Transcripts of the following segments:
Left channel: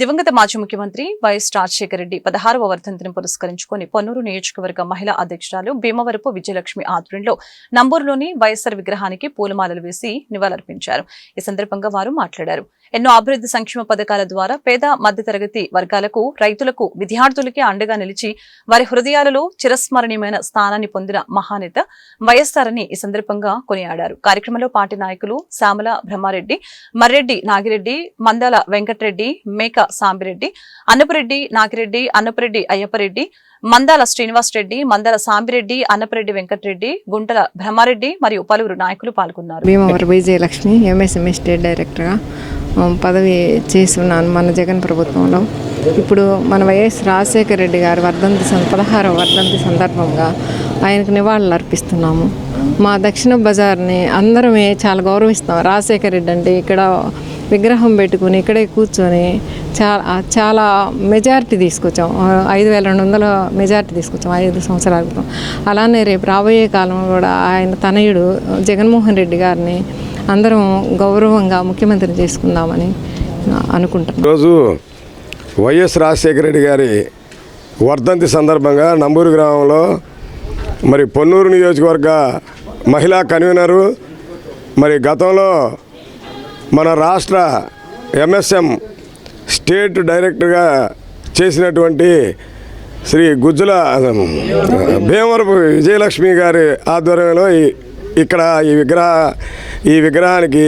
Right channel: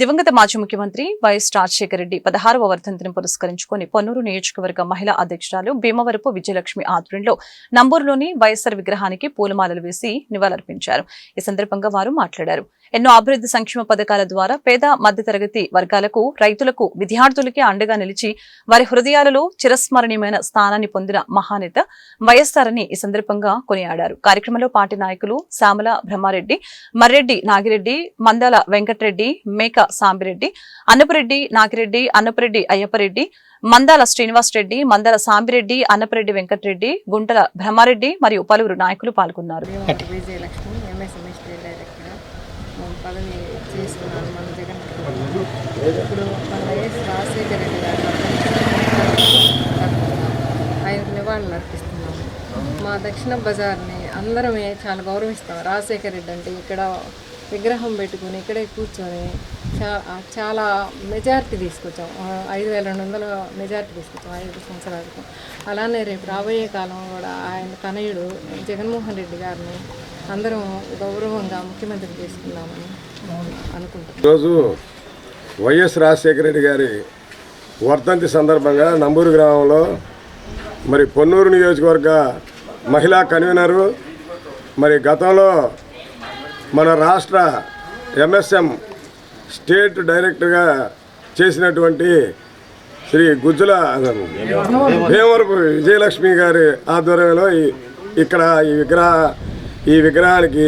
దివంగత మాజీ ముఖ్యమంత్రి వైఎస్ రాజశేఖర రెడ్డి 16వ వర్ధంతిని పురస్కరించుకుని పొన్నూరు నియోజకవర్గ మహిళా అధ్యక్షురాలు భీమవరపు విజయలక్ష్మి ఆధ్వర్యంలో నంబూరులోని వైఎస్ఆర్ విగ్రహానికి పూలమాలలు వేసి నివాళులర్పించారు. ఈ సందర్భంగా వారు మాట్లాడారు. ఎన్నో అభివృద్ధి సంక్షేమ పథకాల ద్వారా పేద మధ్యతరగతి వర్గాలకు, రైతులకు, విద్యార్థులకి అండగా నిలిచి వారి హృదయాలలో చిరస్మరణీయమైన స్థానాన్ని పొందిన మహానేత వైఎస్ఆర్ అని ఈ సందర్భంగా కొనియాడారు. కార్యక్రమంలో పార్టీ నాయకులు శ్యామల బ్రహ్మారెడ్డి, మర్రెడ్డి నాగిరెడ్డి, మందాల వెంకటరెడ్డి, మేక సాంబిరెడ్డి, అన్నపురెడ్డి నాగిరెడ్డి, అన్నపురెడ్డి అయ్యప్పరెడ్డి, మందాల శ్రీనివాస్ రెడ్డి, మందాల సాంబిరెడ్డి, అన్నపురెడ్డి వెంకటరెడ్డి, గుంటల బ్రహ్మారెడ్డి మరియు పలువురు నాయకులు పాల్గొన్నారు. భీమవరం విజయలక్ష్మి ఎంఎస్ఎంఈ స్టేట్ డైరెక్టర్గా పదవి చేసి ఉన్నాను మన జగన్ ప్రభుత్వంలో. ఇప్పుడు మన వైఎస్ రాజశేఖర రెడ్డి గారి 16వ వర్ధంతి సందర్భంగా ఆయనకు నివాళులు అర్పిస్తున్నాము. మా దక్షిణ బజార్ని అందరమే చాలా గౌరవిస్తాం. రాజశేఖర రెడ్డి అంటే ఇక్కడ విగ్రహం పెట్టుకుని ఇక్కడే కూర్చొని చాలా మెజారిటీ తీసుకొచ్చాం. 5200 మెజారిటీ తీసుకొచ్చాం 5 సంవత్సరాల క్రితం. అలానే రేపు రాబోయే కాలంలో కూడా ఆయన తనయుడు జగన్మోహన్ రెడ్డి గారిని అందరం గౌరవంగా ముఖ్యమంత్రి చేసుకుందామని అనుకుంటున్నాం. ఈరోజు వైఎస్ రాజశేఖర రెడ్డి గారి వర్ధంతి సందర్భంగా నంబూరు గ్రామంలో మరి పొన్నూరు నియోజకవర్గ మహిళా కన్వీనరు, మరి గతంలో మన రాష్ట్ర ఎంఎస్ఎం స్టేట్ డైరెక్టర్గా చేసినటువంటి శ్రీ గుజ్జుల భీమవరపు విజయలక్ష్మి గారి ఆధ్వర్యంలో ఇక్కడ ఈ విగ్రహానికి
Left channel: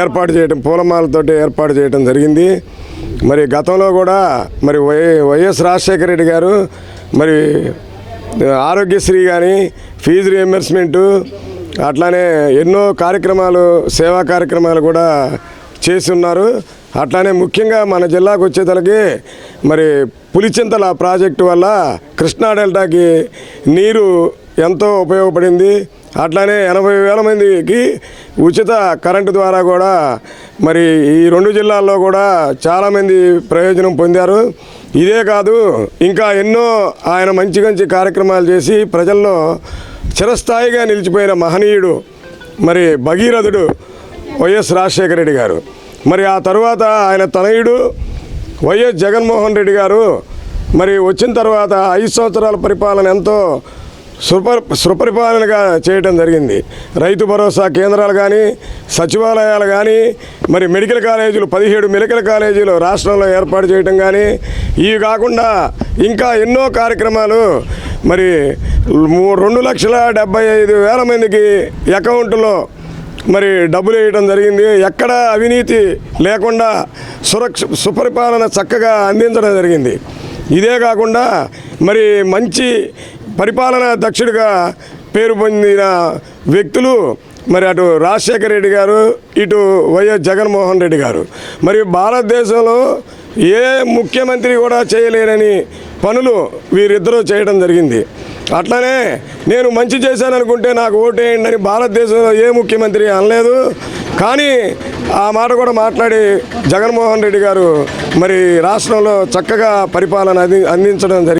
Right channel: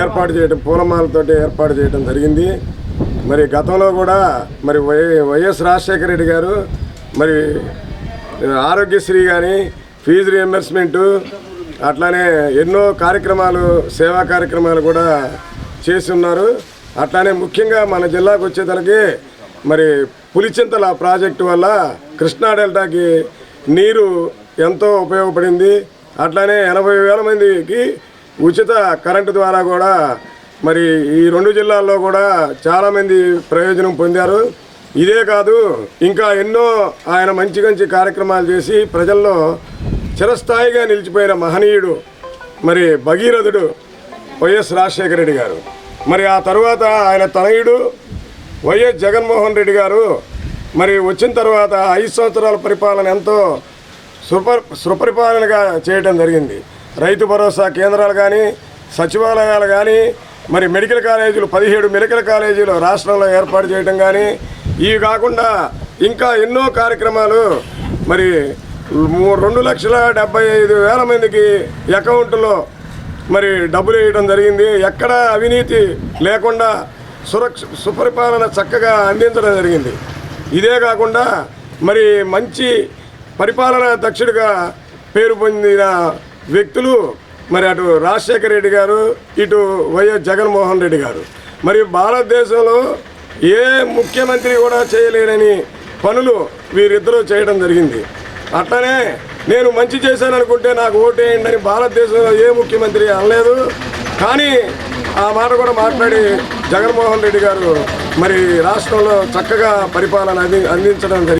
ఏర్పాటు చేయడం, పూలమాలతోటి ఏర్పాటు చేయడం జరిగింది. మరి గతంలో కూడా మరి వైఎస్ రాజశేఖర రెడ్డి గారు మరి ఆరోగ్యశ్రీ కానీ, ఫీజు రియంబర్స్మెంటు, అట్లానే ఎన్నో కార్యక్రమాలు, సేవా కార్యక్రమాలు కూడా చేసి ఉన్నారు. అట్లానే ముఖ్యంగా మన జిల్లాకు వచ్చేతలకి మరి పులిచింతల ప్రాజెక్టు వల్ల కృష్ణా డెల్టాకి నీరు ఎంతో ఉపయోగపడింది. అట్లానే 80,000 మందికి ఉచిత కరెంటు ద్వారా కూడా మరి ఈ 2 జిల్లాల్లో కూడా చాలామంది ప్రయోజనం పొందారు. ఇదే కాదు, ఇంకా ఎన్నో ఆయన మంచి మంచి కార్యక్రమాలు చేసి ప్రజల్లో చిరస్థాయిగా నిలిచిపోయిన మహనీయుడు మరి భగీరథుడు వైఎస్ రాజశేఖర రెడ్డి గారు. మరి ఆ తరువాత ఆయన తనయుడు వైఎస్ జగన్మోహన్ రెడ్డి గారు మరి వచ్చిన తర్వాత 5 సంవత్సరాల పరిపాలన ఎంతో సుపరిపాలనగా చేయడం జరిగింది. రైతు భరోసా కేంద్రాలు కానీ, సచివాలయాలు కానీ, మరి మెడికల్ కాలేజీలు 17 మెడికల్ కాలేజీలు రాష్ట్రంలో ఏర్పాటు చేయడం కానీ, ఇవి కాకుండా ఇంకా ఎన్నో కార్యక్రమాలు మరి 2,75,000 మందికి అకౌంట్లో మరి డబ్బులు వేయడం జరిగింది. ఎక్కడ అవినీతి లేకుండా సుపరిపాలన చక్కగా అందించడం జరిగింది. ఇదే కాకుండా మరి మంచి పరిపాలనా దక్షుడిగా పేరు పొందిన వ్యక్తులు మరి అటు రాజశేఖర రెడ్డి గారు, ఇటు వైఎస్ జగన్మోహన్ రెడ్డి గారు. మరి భారతదేశంలో ఏ ముఖ్యమంత్రి కూడా చేయలేనని పనులు వీరిద్దరూ చేయడం జరిగింది. అట్లనే నేను మంచి చేశాననుకుంటే నాకు ఓటేయండి అని భారతదేశంలో ఏ ముఖ్యమంత్రి అనలేదు. కానీ ఆ మాట కూడా మాట్లాడి జగన్మోహన్ రెడ్డి గారు మరి రాష్ట్రంలో చక్కగా పరిపాలన అందించడం జరిగింది.